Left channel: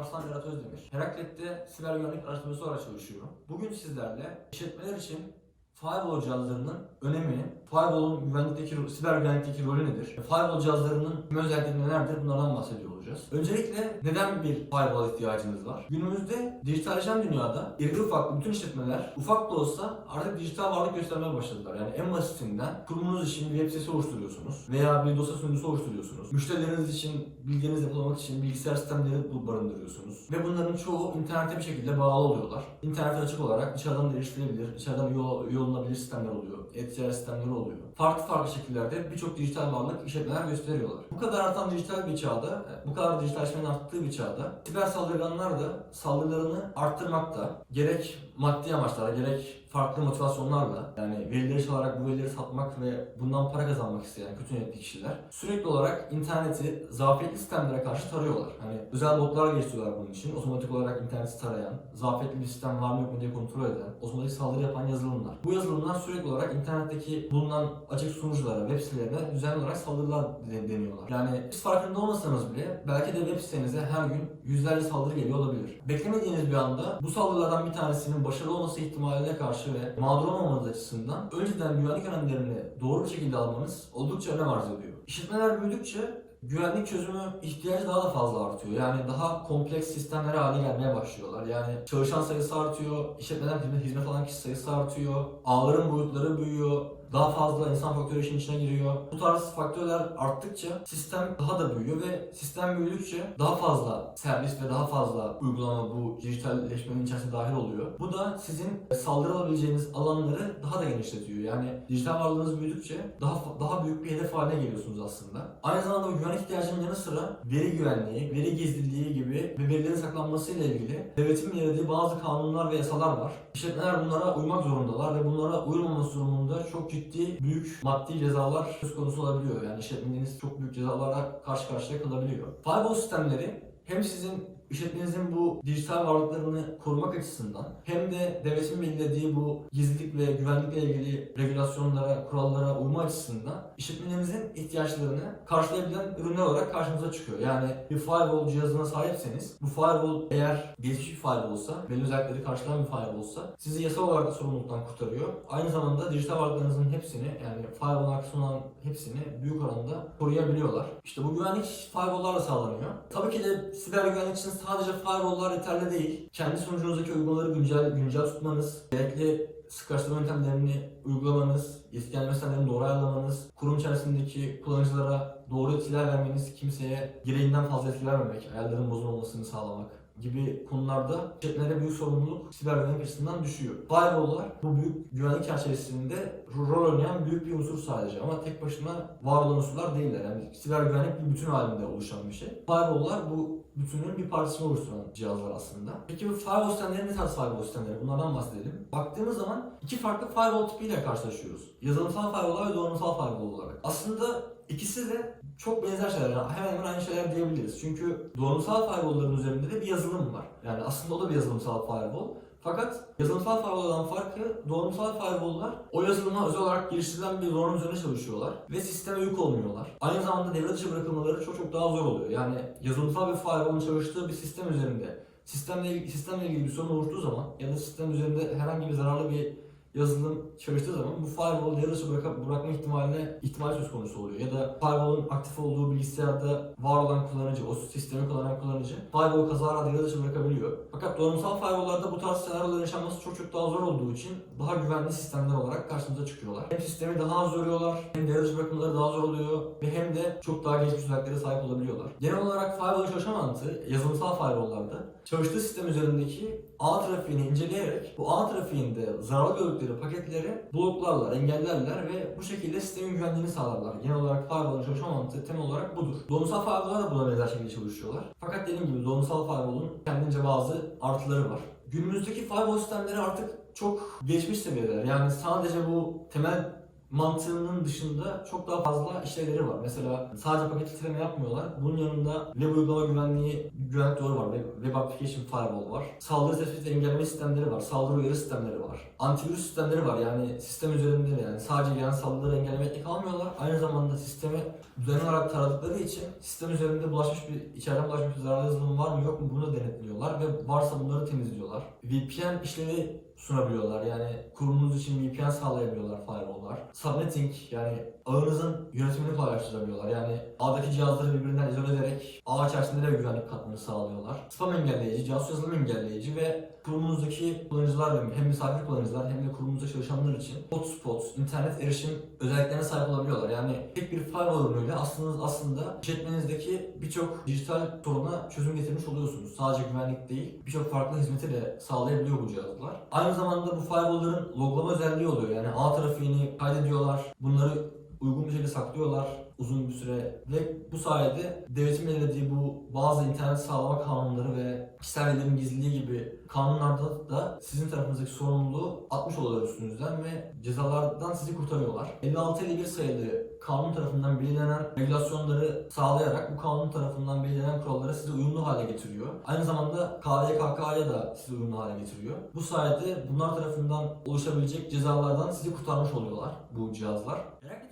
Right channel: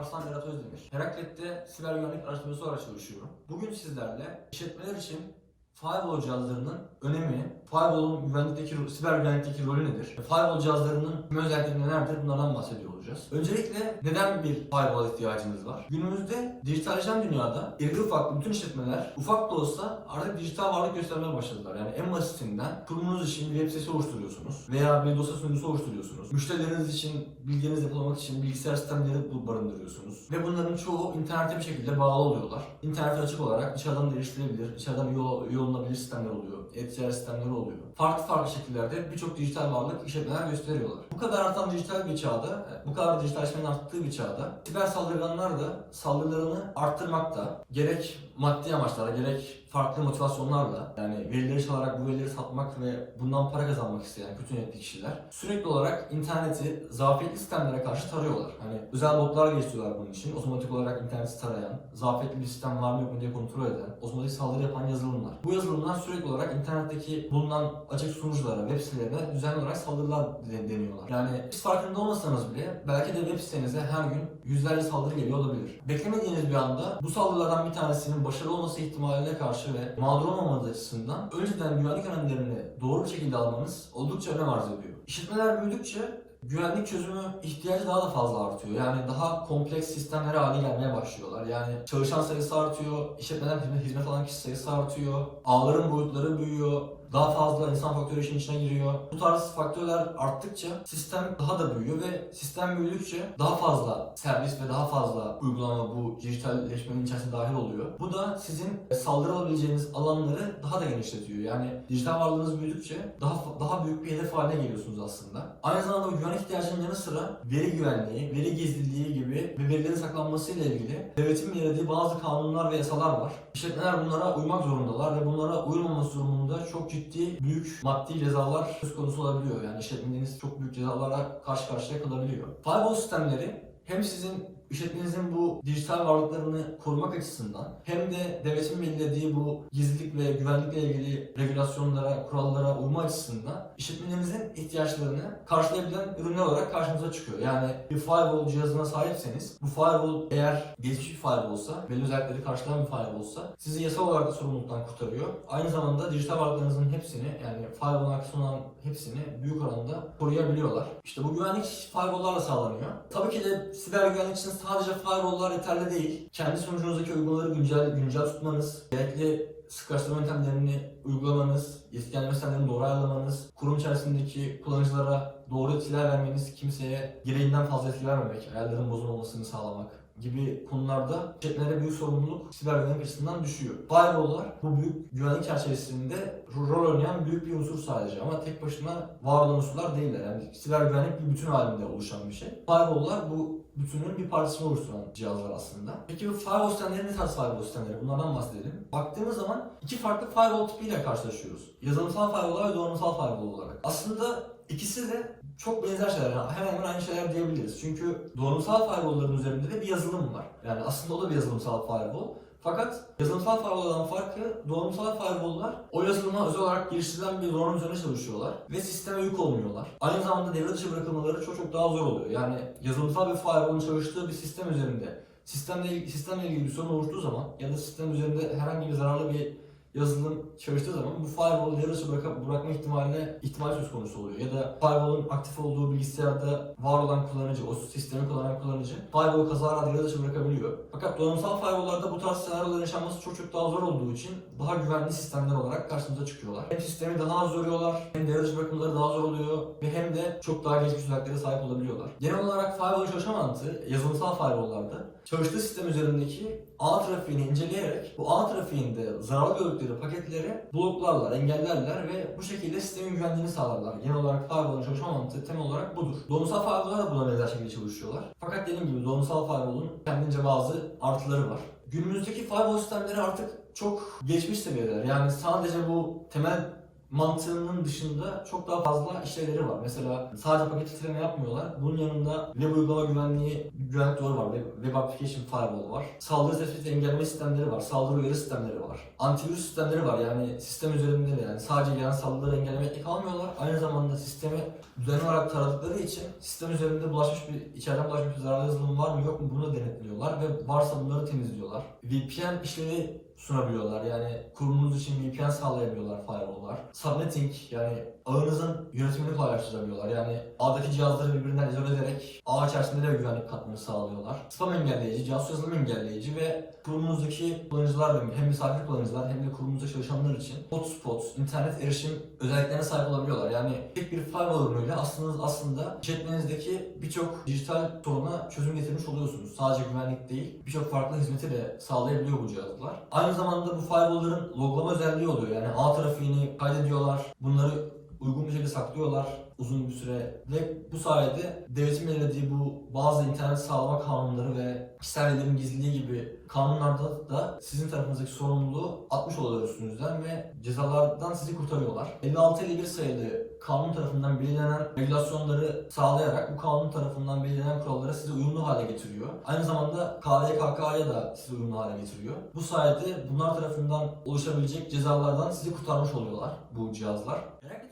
Alparslan Berat Özdemir. Heraklet'te siber güvenlik araştırması olarak çalışıyorum. Bugün sizlerle işletmeler için firewall cihazlarının önemini, firewall'un güvenlikteki, siber güvenlikteki rolü nedir, firewall cihazlarının özellikleri nelerdir bunlardan bahsediyor olacağız. Öncelikle neden bir firewall ihtiyacımız var? Günümüzde dijitalleşen dünyada iri ufak bütün işletmeler ufak da olsa artık dijital varlık göstermeye başladılar. Yani en basitinden kurumunuz için web sitesi oluşturuyorsunuz veya bir dosya sunucusu oluşturuyorsunuz. Müşterileriniz için bilgilerinizi depolamak için bilgisayar sistemleri barındırıyorsunuz. Ve bunların çoğu internete bir şekilde bağlı oluyorlar. İnternete açık olarak dışarıdan da erişilebilir, dışarıda bir yol, yollanabilir sistemler oluyor. E-ticaret sistemleri oluyor. Farklı farklı şekillerde birçok dijital varlık işletmeler gösteriyorlar. Bu kadar artan dijital bir çağda, bu kadar dijitalleşmenin arttığı bir çağda siber saldırganlar da saldırılarını arttırmakta. Gerek maddi amaçlarla gerek farklı motivasyonlarla yani verileri çalarak bu verileri satmak ve bundan para kazanmak isteyen kötü niyetli kişiler sürekli olarak interneti zafiyetli sistemlere karşı tarıyorlar. Hani özel botlar geliştiriyorlar bunun için. Otomatik olarak interneti tarayan, zafiyetli bir sistem var mı yok mu diye kontrol eden, otomatik saldırı yapan yazılımlar. Bu yazılımlar sürekli olarak internetteki bulunan açık sunuculara, web sitelerine düzenli olarak saldırılar de- deniyorlar. Yani siz farkında olmasanız bile belki de web sitenize her gün yüzlerce saldırı geliyor olabilir. Beklemediğiniz bir anda bu saldırılardan bir tanesinin başarılı olması ihtimaline karşı ve mağdur olmamanız açısından önceden güvenlik önlemlerini doğru bir şekilde almanız oldukça önem arz ediyor. İşletmeler büyüdükçe güvenlik çözümü ihtiyacı daha da fazla artıyor. Yani daha kompleks sistemlere haline gelmeye başlıyorlar. Yani çalışan sayısı artıyor, işletmeler hizmet alan kişi sayısı artıyor, ağların boyutları büyüyor, daha fazla insan faktörü işin içine giriyor. Bu tarz faktörler arttıkça sistem daha da büyüyor ve sistem büyüdükçe daha fazla servis ve daha fazla uygulama bu dijitalleşmenin içerisine dahil oluyor. Bu da sizin saldırı alabileceğiniz alanları daha da genişletiyor. Yani dijital varlığınız büyüdükçe daha daha büyük bir hedef haline geliyorsunuz aslında. Aynı zamanda bu güvenlik ihtiyacının yanı sıra veri güvenliği, veri gizliliği gibi ve verilerin saklanmasıyla ilgili devletin belirlediği bazı kanunlar ve yasalar var. İşletmeler bunlara uymak zorundalar ve bunlara uymaması durumunda çok ciddi büyük maddi cezalar söz konusu olabiliyor. Yani işletmeniz çok büyük cezalara karşı karşıya kalabiliyor. Firewall sistemleri hem sizin işletmenizin bu dijital varlıklarını korumak açısından hem de devletin belirlediği bu gizlilik ve güvenlikle ilgili regülasyonlara, kurallara uyma açısından işletmenizin ihtiyaçlarını karşılayabilen ürünler olarak karşımıza çıkıyor. Yani bir firewall cihazına sahipseniz bu firewall eğer gelişmiş bir firewall olsa, belli özellikleri karşılayan bir firewall olsa sizi yasal olarak da sorumluluktan kurtarıyor. Aynı zamanda dijital varlıklarınızın hepsini yani firewall arkasında olan hepsini büyük oranda koruyabiliyorlar. İşte bu güvenlik firewall'larla sağlanıyor. Tabii ki de siber güvenlik için sadece firewall'lar yeterli değil. Kendi sunucunuzdaki uygulamaları güncel, güncel tutmanız, gerekli sık araştırma yöntemlerini uygulamanız, iskenme sistemlerini doğru ayarlamanız, kurum içerisindeki kullanıcılara doğru etkiler vermeniz, kimseye gereğinden fazla etki vermemek, ayarların bozulmamasını sağlamak gibi konularda işletmelere büyük sorumluluk siber güvenlik açısından düşüyor. Firewall'lar bu büyük güvenlik çerçevesinde rol oynayan büyük bir unsur sadece ama tek başına var olan unsurlar değiller. Yani siber güvenlik bir bütün halinde oluşan bir şey. Firewall'lar bu bütünün bir parçasını oluşturan cihazlar aslında. Peki bu firewall sistemleri ne tarz firewall sistemleri? Bunlardan bahsedelim. Baktığımız zaman iki farklı firewall tipiyle karşılaşıyoruz. Yazılımsal firewall ve donanımsal firewall olarak. Aslında ikisi de çok benzer şeyler. Yani hemen hemen aynı şeyler diyebiliriz. Çünkü donanımsal firewall'ların üzerinde de bir yazılım var. Yani aslında o da bir yazılımsal firewall. Fakat yazılımsal firewall'dan farkı donanımsal firewall'lar o yazılıma özel olarak geliştirilen bir donanım üzerine çalışıyorlar ve sisteme yük olmuyorlar. Aynı zamanda devre dışı bırakılmaları çok çok daha zor oluyor. Yani yazılımsal bir firewall'un çalıştığı bir sistem üzerinde sistemle ilgili, sistemle ilgili bir sorun oluştuğu zaman ya da sistem üzerinde herhangi bir zararlı bir yazılım çalıştığı zaman bu firewall devre dışı bırak- bırakma ihtimaline ihtimal söz konusu oluyor. Ya da firewall'un aktif olduğu bilgisayarda var olan kullanıcı, o sistemi kullanan kullanıcı firewall kazara dışı bırakabiliyor. Fakat donanımsal firewall'larda bu tarz senaryoların yaşanması çok çok daha zor olduğu için daha güvenli sistemler olarak karşımıza çıkıyorlar. Hem sistemi daha az yoruyorlar, hem devre dışı bırakmaları daha zor oluyor ve hem de çok daha gelişmiş özelliklere sahip olabiliyorlar. Genel olarak firewall'ın çalışma mantığı yazılımsal firewall'larda çalıştığı sistem üzerindeki ağ trafiğini inceleyerek bu ağ trafiğinde zararlı gördükleri paketleri bloklarlar, engellerler ve bu şekilde sistemin güvenliğini sağlarlar. Genel olarak firewall'ın çalışma mantığı temel olarak budur. Donanımsal firewall'lar da buna benzer şekilde çalışıyorlar. Fakat dediğim gibi donanımsal firewall'un kendince bazı artıları var. Günümüzdeki firewall sistemleri artık çok geçmiş seviyeler. Yani sadece bu temel mantığının dışında çok daha fazla işlevleri var. Mesela sadece paket filtreleme yapmıyorlar. Bunun yanında web uygulama güvenliği, güvenlik duvarı var. Web, web application firewall var. Saldırı tespit engelleme sistemleri var. Saldırı uyarı sistemleri var. Antivirüs sistemleri var. Yani sistem üzerinde de yani sadece gelen saldırıları engellemekle kalmıyorlar. Aynı zamanda sistemi düzenli olarak taradıkları için sistem üzerinde bulaşmış bir, içeriden bulaşmış bir zararlı yazılım var mı yok mu bunu denetliyorlar ve varsa bunları temizliyorlar. VPN işlevi sunabiliyorlar. Yani kurumunuz için VPN sağlayabiliyorlar firewall'lar. Subnetting yani ağınızın yönetimini kolaylaştırabiliyorlar. Yani ağdaki cihazları birbirinden izole ederek ağ içerisinde de güvenlik katmanı sağlıyorlar. Spam engelleyici, casus yazılım engelleyici ve kurumunuzdaki kullanıcılar hem misafir kullanıcılar hem de kurumunuzda çalışanlar için hotspot, internet erişim özelliklerine sahip olabiliyorlar. Yani tek bir firewall ürünüyle aslında aslında işletmenizdeki birçok dijital soruna çözüm getirmiş oluyorsunuz. Sadece güvenlik değil, birçok farklı hizmeti de sağlayabiliyor bu cihazlar. Aynı zamanda bu firewall'ların loglama özelliği oluyor. Yani ağ trafiğini kaydediyorlar. Bunları uygun bir şekilde saklıyorlar uzun bir süre ve bu sayede devletin belirlediği bu bazı internet sağlama kanunları ve kişisel verilerin gizliliği gibi kanunlarda da sizin tarafınızdaki sorumluluğu atmış oluyorlar üstünüzden ve cezalardan sizi kurtarıyorlar. 56-51 sayılı kanun tarafından belirlenen regülasyonları sağlayarak bu kanun tarafından belirlenen kurallara sizi uyumlu hale getiriyor. Aynı zamanda KVKK'ya da sizi uyumlu hale getiriyor. Bu sayede bunlar tarafından oluşabilecek cezalardan sizi kurtarmış oluyorlar bu cihazlar. Olarak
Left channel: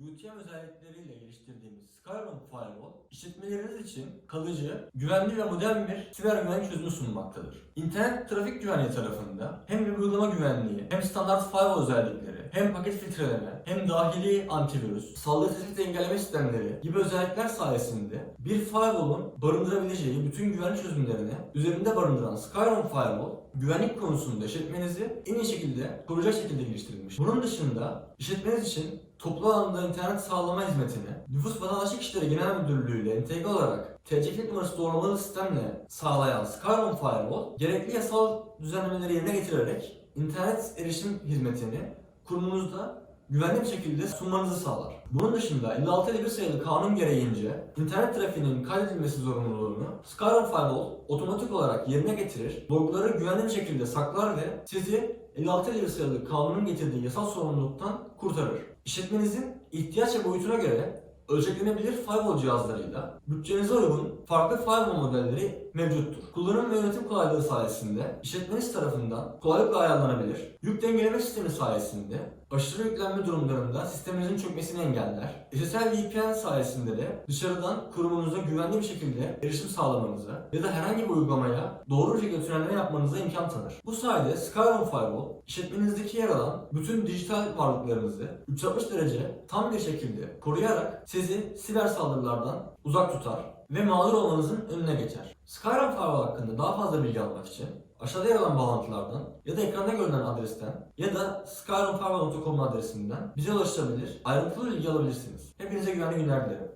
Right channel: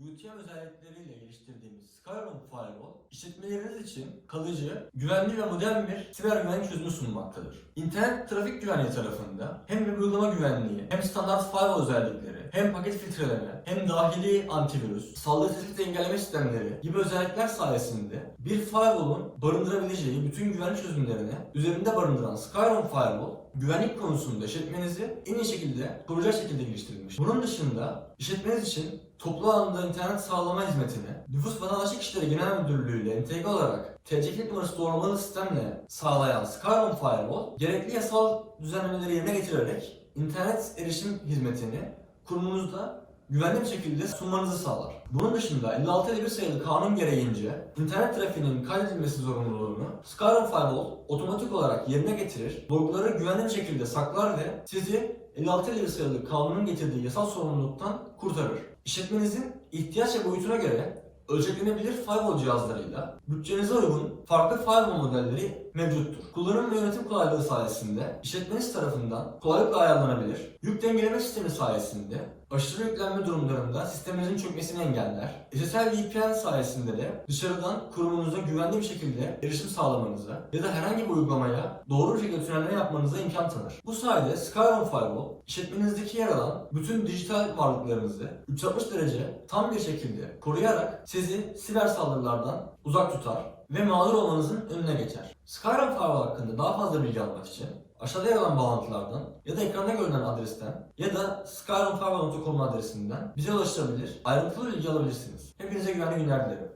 UTM özellikleriyle geliştirdiğimiz Skyrim Firewall, işletmeleriniz için kalıcı, güvenli ve modern bir siber güvenlik çözümü sunmaktadır. İnternet trafik güvenliği tarafında hem uygulama güvenliği, hem standart firewall özellikleri, hem paket filtreleme, hem dahili antivirüs, saldırı tespit engelleme sistemleri gibi özellikler sayesinde bir firewall'un barındırabileceği bütün güvenlik çözümlerini üzerinde barındıran Skyrim Firewall, güvenlik konusunda işletmenizi en iyi şekilde koruyacak şekilde geliştirilmiş. Bunun dışında işletmeniz için toplu alanda internet sağlama hizmetini Nüfus Vatandaşlık İşleri Genel Müdürlüğü ile entegre olarak TC kimlik numarası doğrulamalı sistemle sağlayan Skyrim Firewall, gerekli yasal düzenlemeleri yerine getirerek internet erişim hizmetini kurumunuzda güvenli bir şekilde sunmanızı sağlar. Bunun dışında 5651 sayılı kanun gereğince internet trafiğinin kaydedilmesi zorunluluğunu Skyrim Firewall otomatik olarak yerine getirir, logları güvenli bir şekilde saklar ve sizi 5651 sayılı kanunun getirdiği yasal sorumluluktan kurtarır. İşletmenizin ihtiyaç ve boyutuna göre ölçeklenebilir firewall cihazlarıyla bütçenize uygun farklı firewall modelleri mevcuttur. Kullanım ve yönetim kolaylığı sayesinde işletmeniz tarafından kolaylıkla ayarlanabilir. Yük dengeleme sistemi sayesinde aşırı yüklenme durumlarında sisteminizin çökmesini engeller. SSL VPN sayesinde de dışarıdan kurumunuza güvenli bir şekilde erişim sağlamanıza ya da herhangi bir uygulamaya doğru bir şekilde tünelleme yapmanıza imkan tanır. Bu sayede Skyrim Firewall işletmenizdeki yer alan bütün dijital varlıklarınızı 360 derece tam bir şekilde koruyarak sizi siber saldırılardan uzak tutar ve mağdur olmanızın önüne geçer. Skyrim Firewall hakkında daha fazla bilgi almak için aşağıda yer alan bağlantılardan ya da ekranda görünen adresten ya da skyrimfirewall.com adresinden bize ulaşabilir, ayrıntılı bilgi alabilirsiniz. Hepinize güvenli günler dilerim.